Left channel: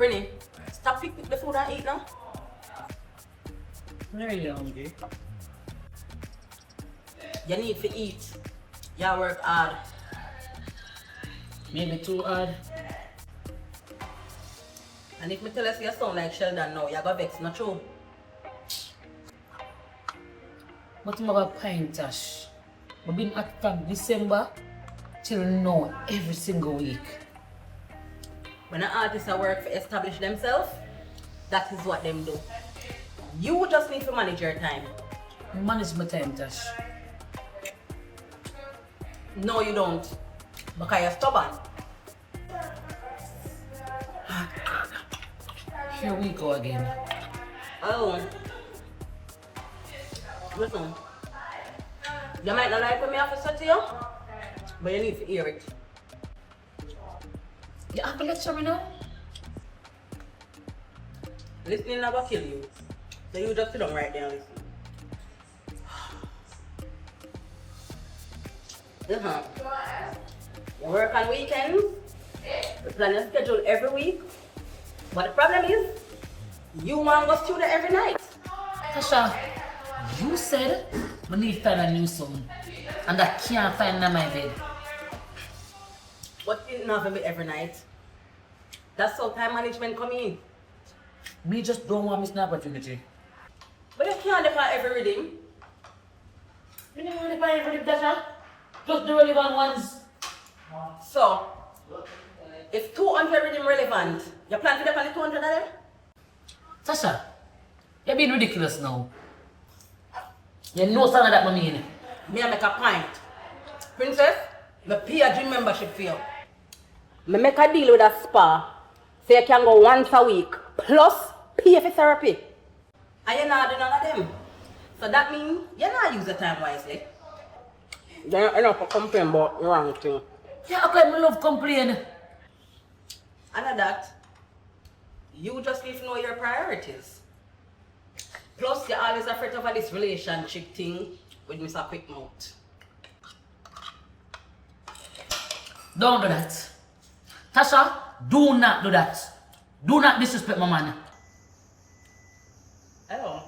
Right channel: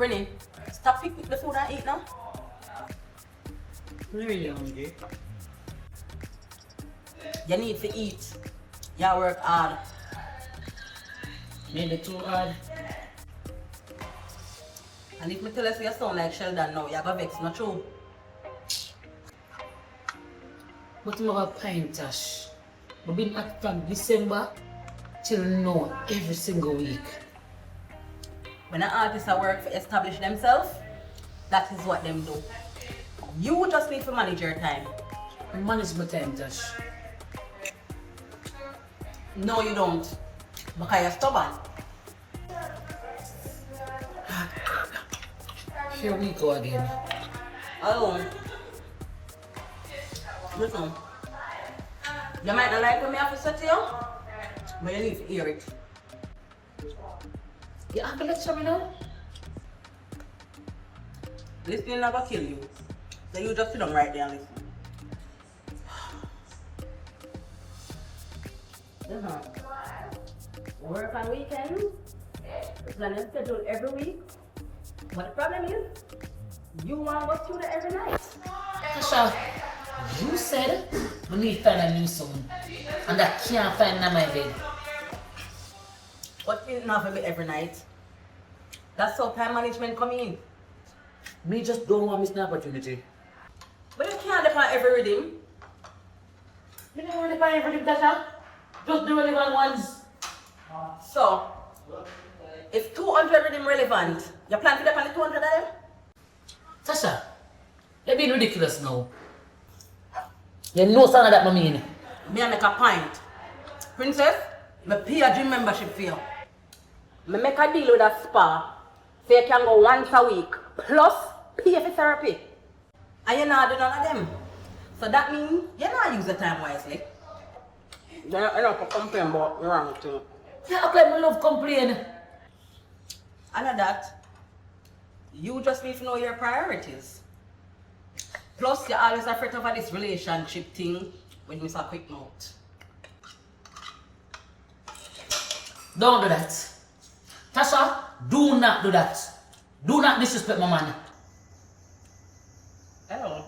Brinny, stop picking the food and eat now. I'm not really hungry. You need to eat. You work hard. Maybe too hard. And if me tell you sound like Sheldon now, you're gonna vex, not true? But I'm a pint Tash. We've been at from December till now every single week. When an artist work to establish themselves, that is what them do. You just need to manage your time. Manage my time, Tash. No, you don't. Because you're stubborn. Here we go again. Oh. Listen. You might not like what me have to say to you, but you need to hear it. You have to lecture me now? Listening never kill you. So you just sit down right there and listen. You work on weekends, you plan your schedule every week, but the problem is, you want to go studio every night. Tasha, you said we need to find a new song, and I can't find in my bed. But it's not going to be every night. That's how time management come in. Me just don't want miss an opportunity. But you can't depend on every rhythm. You don't want to buy everything, Tasha? Just the relevant ones. So, if 200 rhythm relevant, you plan to depend on the 200 of them? Tasha, you're being ridiculous now. You know something that I mean. Me make a point. Princess, me pay a gym membership for you. Me make a deal with a spa, so you can go once a week, plus pay for therapy. And you're not doing none of them. So that means you're not using the time wisely. Then you're not complaining about wrong thing. Yeah, okay, I love complain. And at that, you just need to know your priorities. Plus, you're always afraid of this relationship thing with Mr. Quickmouth. Don't do that. Tasha, do not do that. Do not disrespect my man. Hello.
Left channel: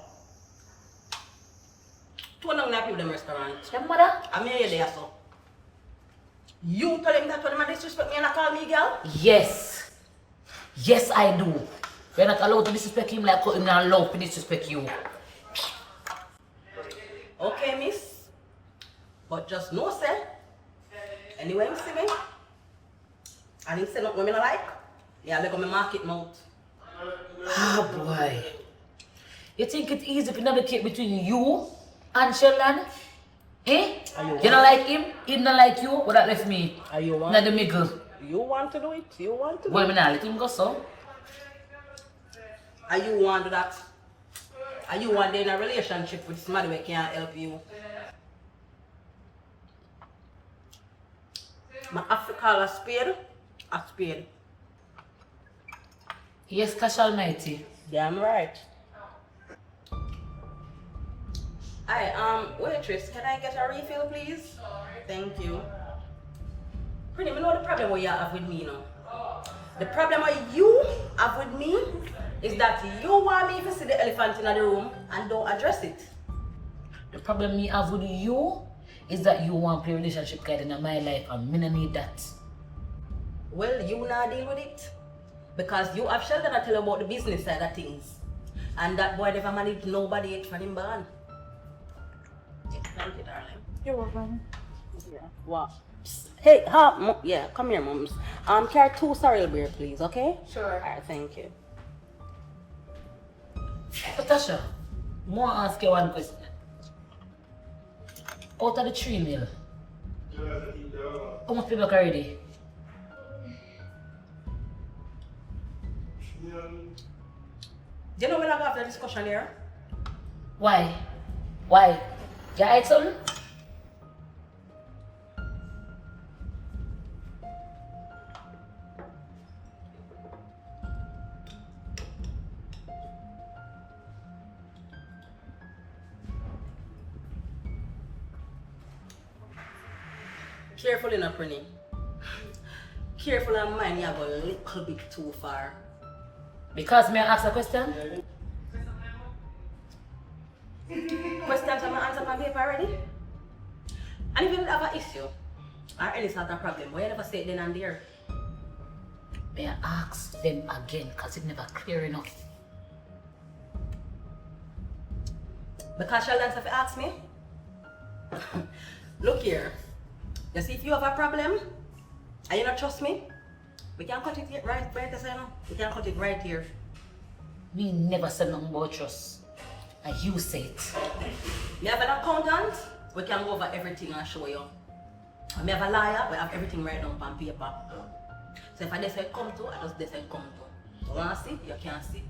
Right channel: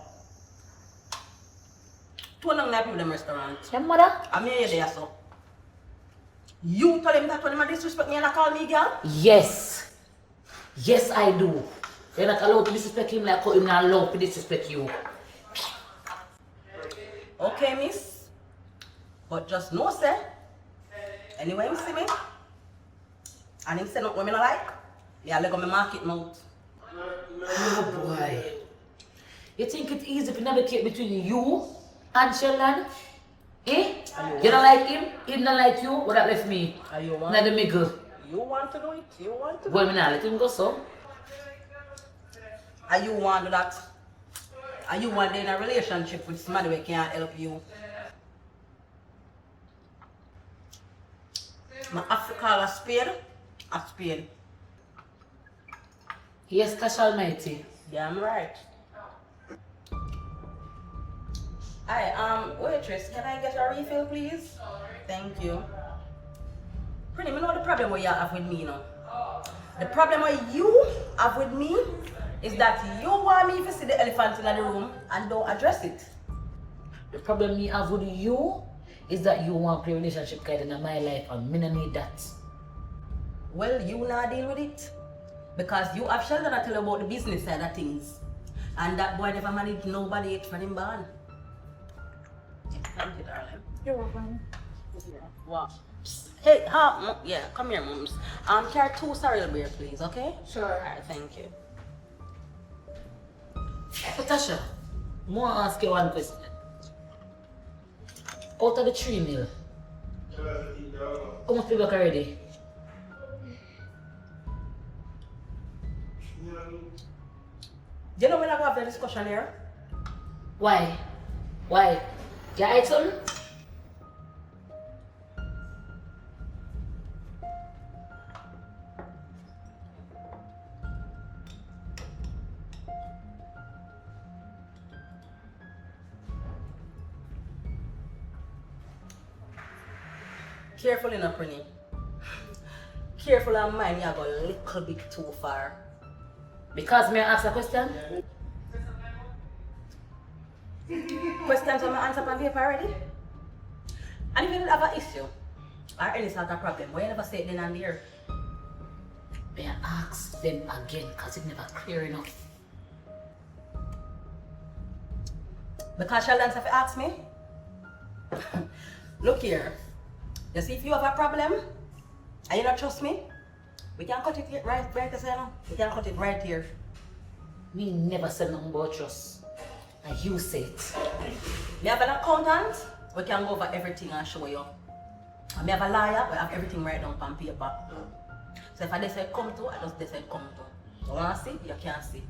Two long night people in the restaurant. Your mother? I'm here there, so. You tell him that when him disrespect me and I call me girl? Yes. Yes, I do. You're not allowed to disrespect him like him not allowed to disrespect you. Okay, miss. But just know, sir. Anyway, you see me? And him say nothing women I like. Yeah, look at my market mouth. Ah, boy. You think it's easy to navigate between you and Sheldon? Eh? You don't like him, he don't like you, what that left me? Are you want? Not the middle. You want to do it? You want to do Well, me not let him go so. Are you want to do that? Are you want to in a relationship with somebody who can't help you? I have to call a spade. Yes, Cash Almighty. Damn right. Hi, waitress, can I get a refill, please? Thank you. Pretty, me know the problem what you have with me now. The problem what you have with me is that you want me to see the elephant in the room and don't address it. The problem me have with you is that you want to play relationship guide in my life and me not need that. Well, you not deal with it. Because you have Sheldon to tell you about the business side of things. And that boy never managed nobody from him born. Yeah, thank you, darling. You're welcome. Wow. Hey, yeah, come here, mums. Carry 2 cereal beer, please, okay? Sure. Alright, thank you. Natasha, I want to ask you one question. Out of the 3 meal, how much people already? Do you know when I go have the discussion here? Why? Why? You ate something? Careful enough, Prinny. Careful of mine, you go a little bit too far. Because may I ask a question? Questions on my answer on paper already? And if you did have an issue or any sort of problem, why you never say it then and there? May I ask them again because it's never clear enough. Because Sheldon said to ask me. Look here. You see if you have a problem and you don't trust me, we can cut it here, right here, you know? We can cut it right here. Me never said nothing about trust. And you say it. Me have an accountant, we can go over everything and show you. And me have a lawyer, we have everything right down on paper. So if I say come to, I just say come to. You want to see? You can't see.